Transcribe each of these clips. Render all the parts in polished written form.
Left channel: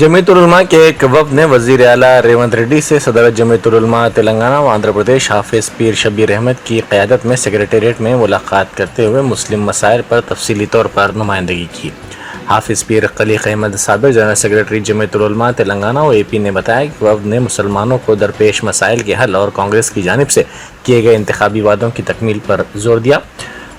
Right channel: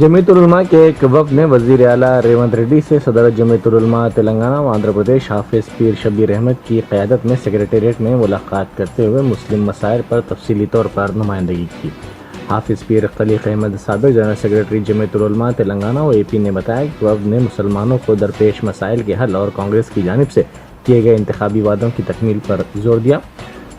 जमीयतुल उलमा के एक वफ़द ने वज़ीर आला रेवंत रेड्डी से सदर जमीयतुल उलमा तेलंगाना व आंध्र प्रदेश हाफिज़ पीर शबीर अहमद की क़यादत में सेक्रेटेरिएट में मुलाकात करते हुए मुस्लिम मसाइल पर तफसीली तौर पर नुमाइंदगी की। हाफिज़ पीर खलीक अहमद साबिक़ जनरल सेक्रेटरी जमीयतुल उलमा तेलंगाना व AP ने बताया कि वफ़द ने मुसलमानों को दरपेश मसाइल के हल और कांग्रेस की जानिब से किए गए इंतखाबी वादों की तकमील पर जोर दिया।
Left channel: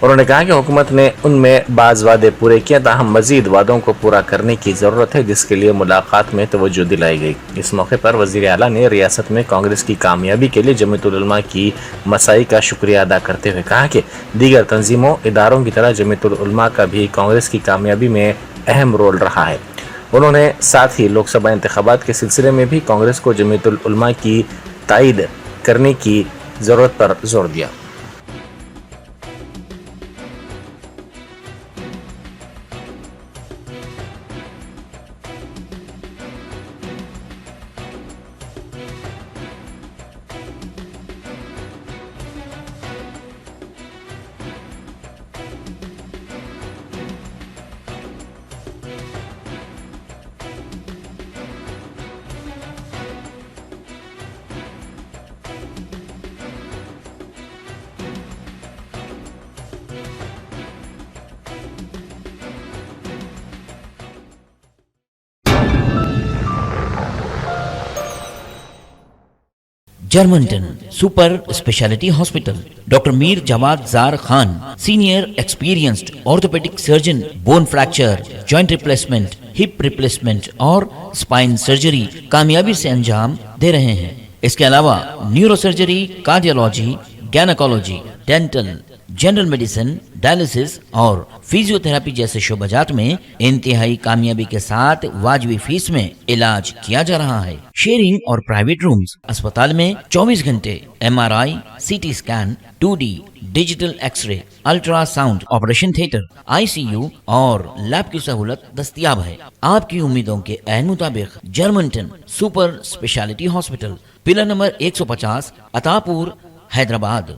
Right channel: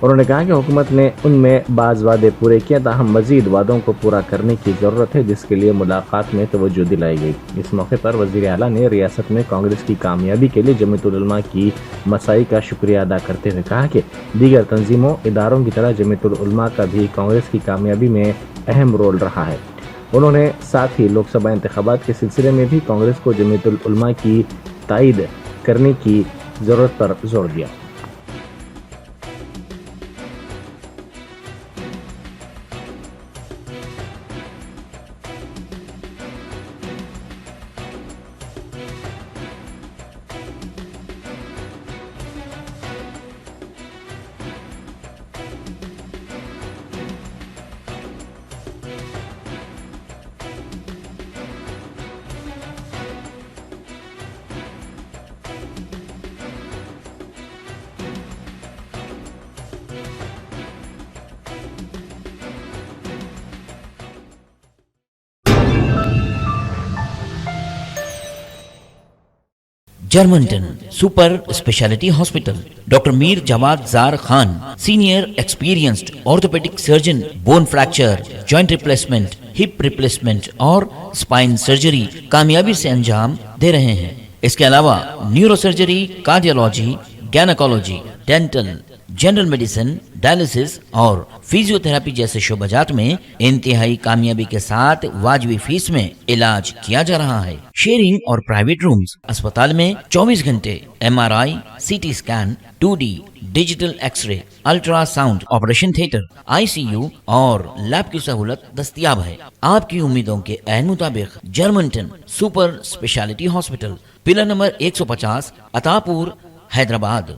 उन्होंने कहा कि हुकूमत ने उनमें बाज़ वादे पूरे किए, ताहम मज़ीद वादों को पूरा करने की ज़रूरत है, जिसके लिए मुलाकात में तवज्जो दिलाई गई। इस मौके पर वज़ीर आला ने रियासत में कांग्रेस की कामयाबी के लिए जमीयतुल उलमा की मसाई का शुक्रिया अदा करते हुए कहा कि दीगर तंजीमों इदारों की तरह जमीयतुल उलमा का भी कांग्रेस की कामयाबी में अहम रोल रहा है। उन्होंने साथ ही लोकसभा इंतखाबात के सिलसिले में भी कांग्रेस को जमीयतुल उलमा की तायद करने की ज़रूरत पर जोर दिया। Germanten super speciality hospital, doctor Mir Jawad Zar Khan, senior experienced orthopaedic surgeon, bone fracture, joint replacement, hip replacement और स्पाइन सर्जरी कामयाबी से अंजाम दे रहे हैं। इसके अलावा neuro surgery, cardiology, gynaecology, dental, general medicine, dialysis और फिजियोथेरेपी जैसे शोबाजात में इंतहाई कामयाबी के साथ वाजबी फीस में इलाज किया जा रहा है। शेयरिंग और प्राइवेट रूम्स, अस्पताल में 24 घंटे MRI, CT scan, 2D digital x-ray, ultrasound, operation theatre, ICU और लैब की सहूलत दस्तयाब है। आपकी उम्मीदों के ऐन मुताबिक Germanten super speciality hospital, pillar number 150, Attapur, Hyderabad.